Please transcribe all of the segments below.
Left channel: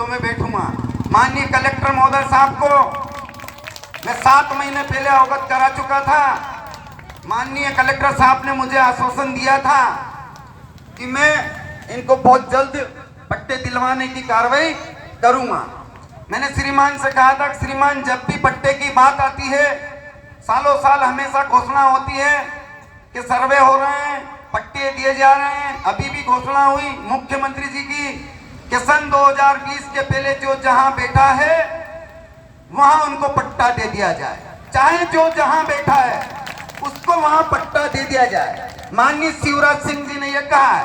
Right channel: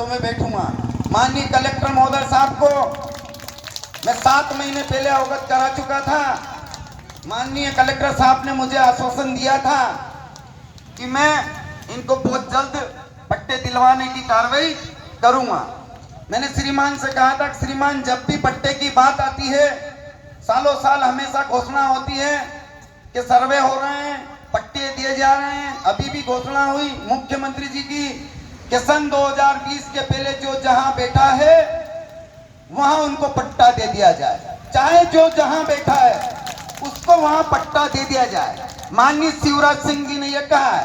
तो मैं बैठूंगा। माननीय कलेक्टर महोदय साहब को मैं 7 महीने पहले अवगत करा चुका था। माननीय कलेक्टर साहब ने मुझे आश्वासन दिया था कि मैं इनको बहुत जल्द पट्टे दिलवाने की कार्रवाई करूंगा। मैंने श्रीमान से कहा था कि श्रीमान, जब भी पट्टे की बात आती है, सालों साल हमेशा घोषणा होती है कि सर्वे हो रहे हैं, पट्टे दिए जा रहे हैं। अभी भी घोषणा हुई मुख्यमंत्री जी की कि सन 2020 के पहले जो जहां बैठा है वहां उनको पट्टा दे दिया जाए। चाहे जो जहां बैठा है उसको वहां पट्टा दे दिया जाए। माननीय शिवराज सिंह जी ने यह कहा है,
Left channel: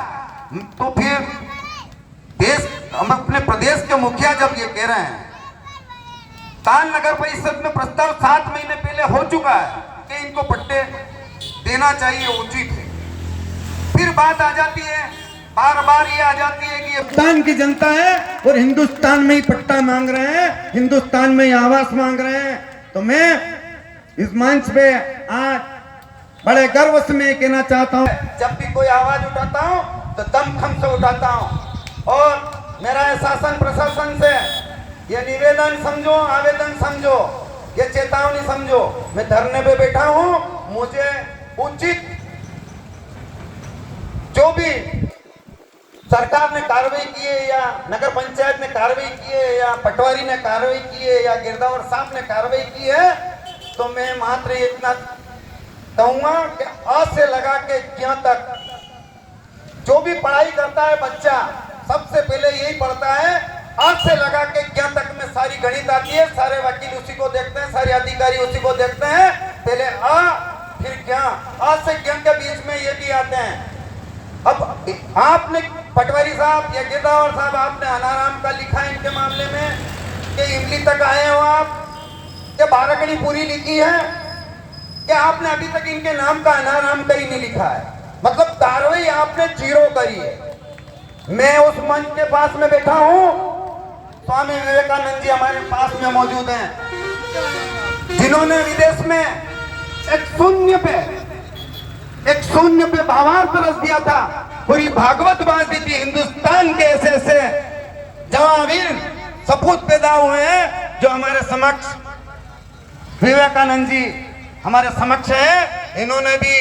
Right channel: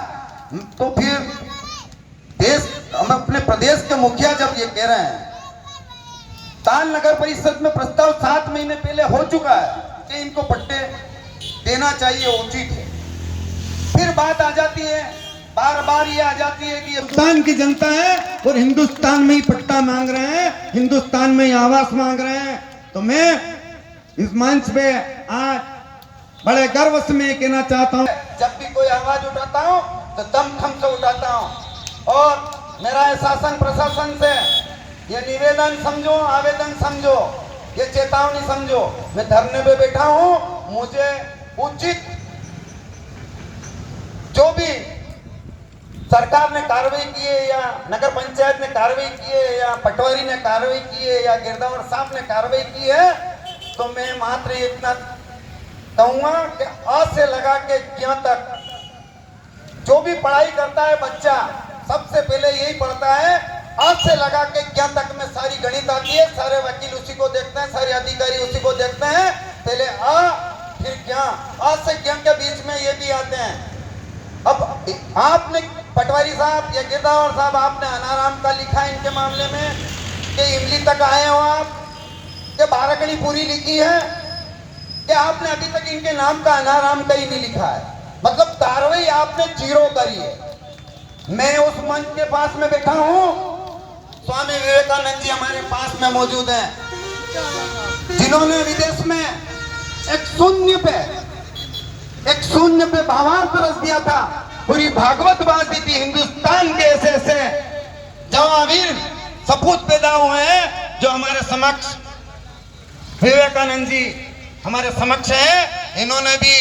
तो फिर देश, हम अपने प्रदेश के मुखिया जब ये कह रहे हैं, ताल नगर परिषद में प्रस्ताव 7 महीने पहले हो चुका है कि इनको पट्टे देना चाहिए, उचित है। फिर बात आ जाती है, बार बार ये आ जाती है कि हिंदुस्तान की जनता है और हिंदुस्तान में ही पट्टा मांग रहे हैं, हिंदुस्तान में ही आवास मांग रहे हैं। तो मैं इस मंच पे आज बड़े गर्व से मैं कहना चाहता हूँ, जब भी कोई आवाज उठाता हूँ तो दमखम से उठाता हूँ। और मेरा शासन प्रशासन से ये निवेदन समझो, आवेदन समझो, ये चेतावनी समझो, मैं धरने पे बैठा हूँ। मुझे उचित जो भी सरकार ने कार्रवाई की है, या नगर पंचायत ने कार्रवाई की है, या पटवारी ने कार्रवाई की है, या गिरदावर साहब ने कार्रवाई की है, तो मैं मात्र इतना कहूंगा कि अ से लगा के ज्ञ तक जो भी पढ़ाई करता है बच्चा, सबसे पहले यही पढ़ता है। अ से लगा के ज्ञ तक में सारी गणित आती है, सारे वकील उसी को देखते हैं, सारे अधिकारी उसी को देखते हैं। पहले अ फिर ज्ञ, अ से ज्ञ के बीच में ये भी आते हैं। अब आपने पटवारी साहब या गिरदावर साहब, आपने अनाराम का लिखा है इनके मामले में कि इमली तक आए हो आप, कि बाराकड़ी पूरी लिखी है, कि आपने अभी तक इनके नाम का अनाराम का ही नहीं लिखा है। मतलब कार्रवाई आपने जीरो करी है। मैं उस मंच के पास में बैठा हूं, स्वामी विवेकानंद जी हमारे पास में मौजूद हैं, जिन्होंने विदेश में एक शून्य पे भावार्थ रच दिया था, पूरी भागवत बांध दी थी। हिंदुस्तान के ऐसे जवावीर सपूत पैदा हुए हैं जो हमारे समक्ष, विवेकानंद जी हमारे समक्ष है। इन्होंने भी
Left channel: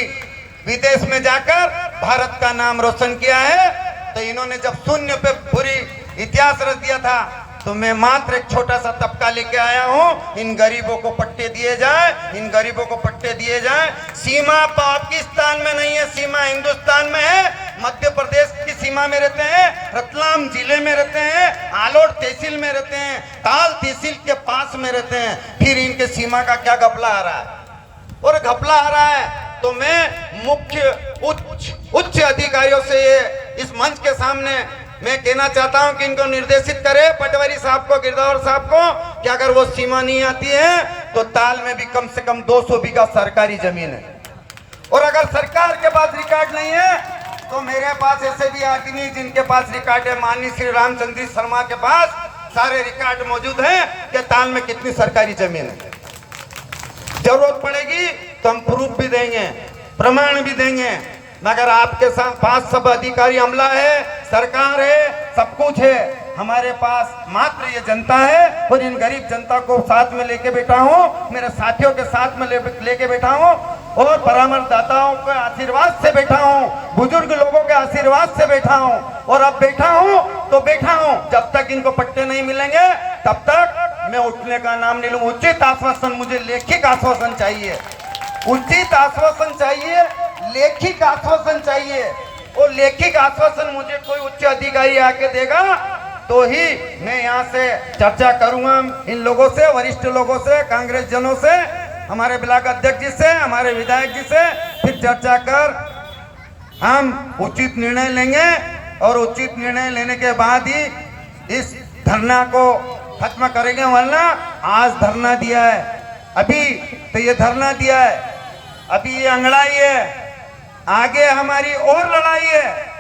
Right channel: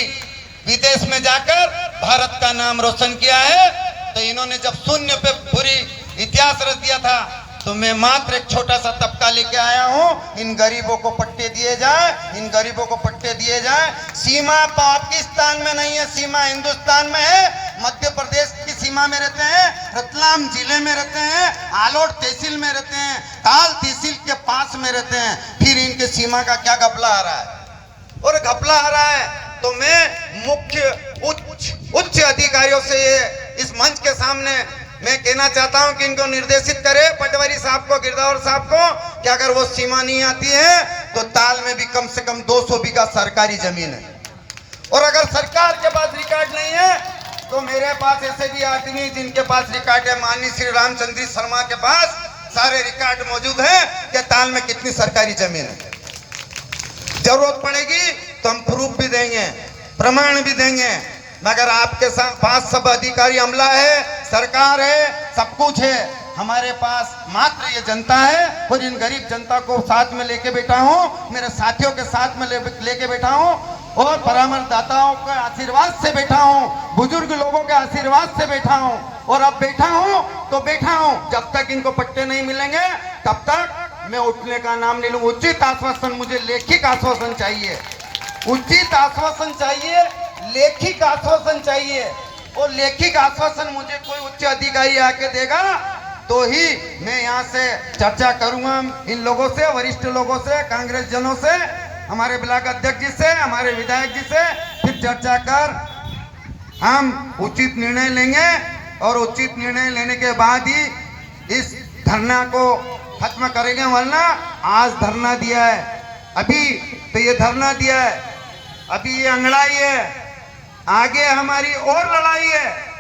विदेश में जाकर भारत का नाम रोशन किया है। तो इन्होंने जब शून्य पे पूरी इतिहास रच दिया था, तो मैं मात्र एक छोटा सा तबका लेके आया हूं। इन गरीबों को पट्टे दिए जाए, इन गरीबों को पट्टे दिए जाए। सीमा पाकिस्तान में नहीं है, सीमा हिंदुस्तान में है। मध्य प्रदेश की सीमा में रहते हैं, रतलाम जिले में रहते हैं, आलोट तहसील में रहते हैं, ताल तहसील के पास में रहते हैं। फिर इनके सीमा का क्या घपला आ रहा है, और घपला आ रहा है। तो मैं मुख्य उच्च अधिकारियों से इस मंच के सामने मैं कहना चाहता हूं कि इनको निर्देशित करे, पटवारी साहब को, गिरदावर साहब को, कि अगर वो सीमा नहीं आती है तो ताल में भी कम से कम 200 बीघा सरकारी जमीन है। और अगर सरकार के पास रिकॉर्ड नहीं है तो मेरे पास ऐसे भी आदमी हैं जिनके पास रिकॉर्ड है। माननीय श्री रामचंद्र शर्मा के पास सारे रिकॉर्ड मौजूद हैं कि ताल में कितनी सरकारी जमीन है। जरूरत पड़ेगी तो हम प्रूफ भी देंगे, प्रमाण भी देंगे। मगर आपके पास सब अधिकारी अमला है, सरकार है, सब कुछ है। हमारे पास मात्र ये जनता है, और इन गरीब जनता को साथ में लेके बैठा हूँ, मेरे साथियों के साथ में लेके बैठा हूँ, और परामर्शदाताओं के आशीर्वाद से बैठा हूँ, बुजुर्ग लोगों के आशीर्वाद से बैठा हूँ। और अब बैठा हूँ तो बैठा हूँ, जब तक इनको पट्टे नहीं मिलेंगे तब तक मैं उठने का नाम नहीं लूँ। उचित आश्वासन, मुझे लेखिक आश्वासन चाहिए, उचित आश्वासन चाहिए, लेखिक आश्वासन चाहिए। और लेखिक आश्वासन मुझे कोई उच्च अधिकारी आके देगा तो ही मैं यहाँ से चर्चा करूंगा इन लोगों से, वरिष्ठ लोगों से, कांग्रेस जनों से, हमारे ब्लॉक अध्यक्ष जी से, हमारे विधायक जी से। फिर चर्चा कर हम उचित निर्णय लेंगे, और उचित निर्णय लेने के बाद ही इस धरना को खत्म करेंगे। वरना आज धरना दिया है, अभी तो ये धरना दिया है, अभी ये अंगड़ाई है, आगे हमारी और लड़ाई है।